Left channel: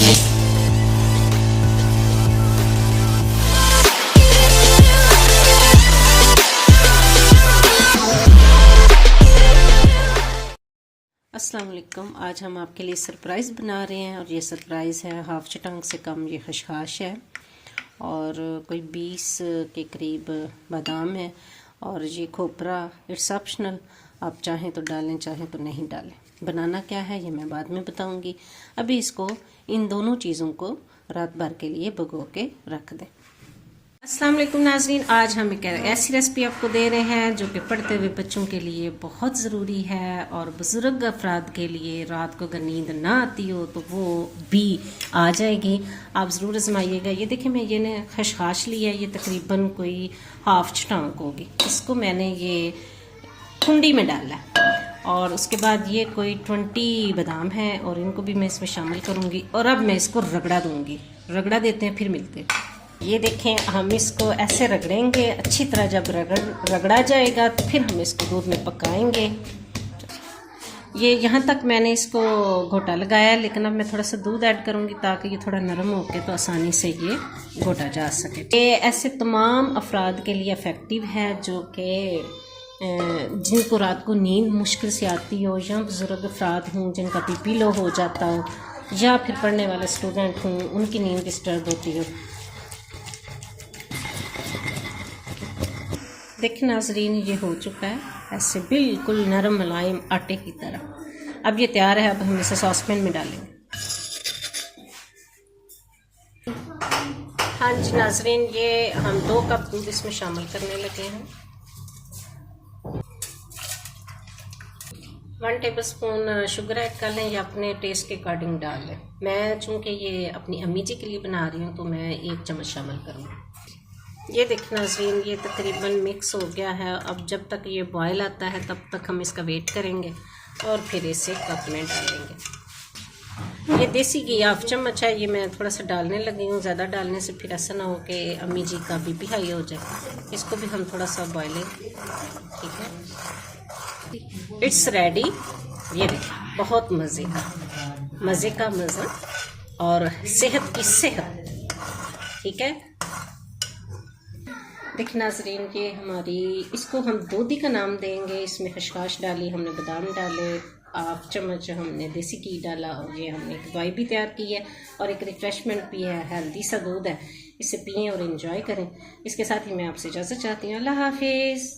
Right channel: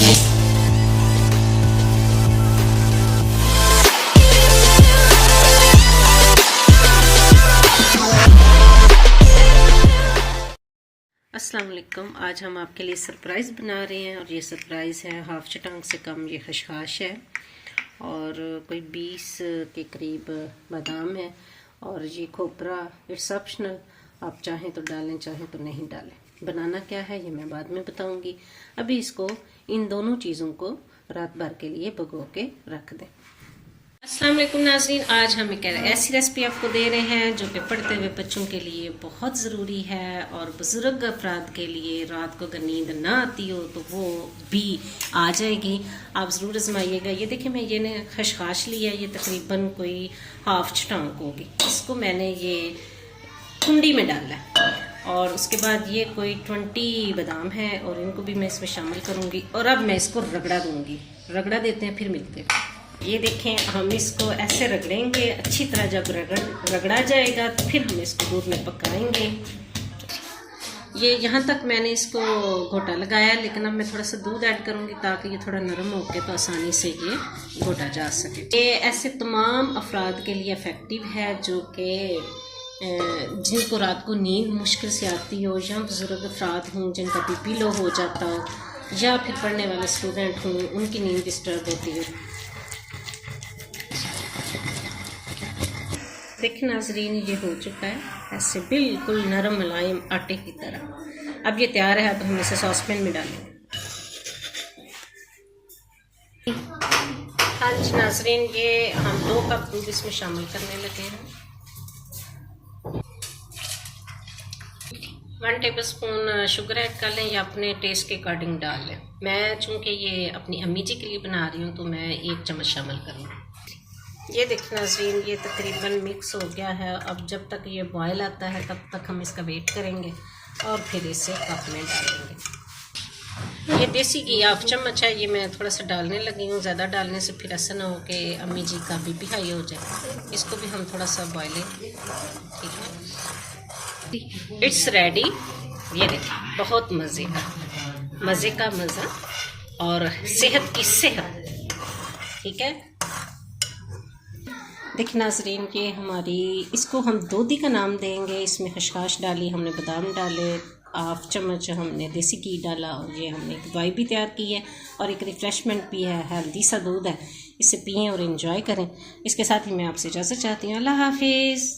अस्सलाम वालेकुम। आज हम आपके लिए सरप्राइज़ बना रहे हैं और ये सरप्राइज़ है हाफ चटांग से कम ये खशखाश है और कोई 20 के करीब बादाम है और ये खोपरा इट्स ऑप्शनल, आप चाहें तो डालें चाहें तो नहीं डालें। बनाना क्या है ये मैं बाद में बताऊंगी। अभी इसको इन दोनों चीज़ों को रात भर के लिए भिगो के रख दें। अस्सलाम वालेकुम नाज़रीन, आज हम एक ऐसी रेसिपी आपको दे रहे हैं जो कि पढ़ते हुए बच्चों के लिए बहुत ज़रूरी है और बुज़ुर्ग अफराद के लिए रात को अगर नींद ना आती हो तो वो भी आ जाएगी। आप ज़रूर आजमाइएगा। ये देखिए मैं ये खशखाश लिया है, ये तकरीबन कोई हाफ चटांग होगी। इसको मैंने ये कुंडी में डाला है और उसके बाद ये कोई 20 बादाम है और इनको भी मैं इसमें शामिल करूँगी और अब मैं इसको रगड़ा दूँगी। रगड़ा देते हैं फिर मिलते हैं। ये देखें, हम इसको ऐसे रगड़ेंगे अच्छी तरह। जब रगड़ा जाएगा तो फिर हम इसको दूध में पकाएंगे। ये यहाँ तक मैंने इसको घोटा लगाया, लेकिन अब मैं थोड़ा सा दूध ऐड करूँगी ताकि ये थोड़ा नरम होके तो आसानी से ये घोटा जा सके। ये ऐसे तमाम अफराद के लिए इफ़ेक्टिव है जो कि जिनको रात को नींद मुश्किल से आती हो, या बुज़ुर्ग अफराद हों जिनका बीपी लो हो जाता हो, या फिर पढ़ने वाले स्टूडेंट हों उनकी नींद डिस्टर्ब होती हो। देखिए नाजरीन, ये हो चुका है ऐसे बिल्कुल नरम मुलायम आटे की तरह। अब ये तैयार है। अब हम इसे सॉसपैन में डालेंगे। हाँ जी नाजरीन, ये हम 2 कप दूध इसमें शामिल करने लगे हैं। 1 टेबलस्पून शुगर ऐड कर लें या अपने टेस्ट के अकॉर्डिंग डाल लें। मैं चूँकि ये अपनी अम्मी जी के लिए बना रही हूँ तो मैं 1 चम्मच शामिल करूँगी। ये देखना नाज़रीन, ये तकरीबन मिक्स हो गया है। अब जब तक ये बॉयल आता है तब तक हम इसका वेट करेंगे और फिर इसे कप में डालेंगे। ये देसी घी 1/2 चम्मच है, ये मैं थोड़ा सा डालने लगी हूँ। ज़्यादा डालने से फिर ऐसा ना हो कि अम्मी जी का बीपी हाई हो जाए। इसको भी हम थोड़ा सा बॉयल, ठीक है। It's ready. ये देखिए, बहुत मज़े का मज़ा और सेहत की सेहत, ठीक है। देखिए नाज़रीन, ये हमारी, इसको हम दूधी का नाम देंगे। इसमें खशखाश डाली हमने, बादाम डाले, 1/2 चम्मच हमने देसी घी डाला और ये हमने एक दवाई भी तैयार की है और एक रिफ़्रेशमेंट भी है। हेल्दी सा दूध है, इसे पिएं और एंजॉय करें। इसके साथ ही मैं आपसे इजाज़त चाहती हूँ। अल्लाह हाफिज़।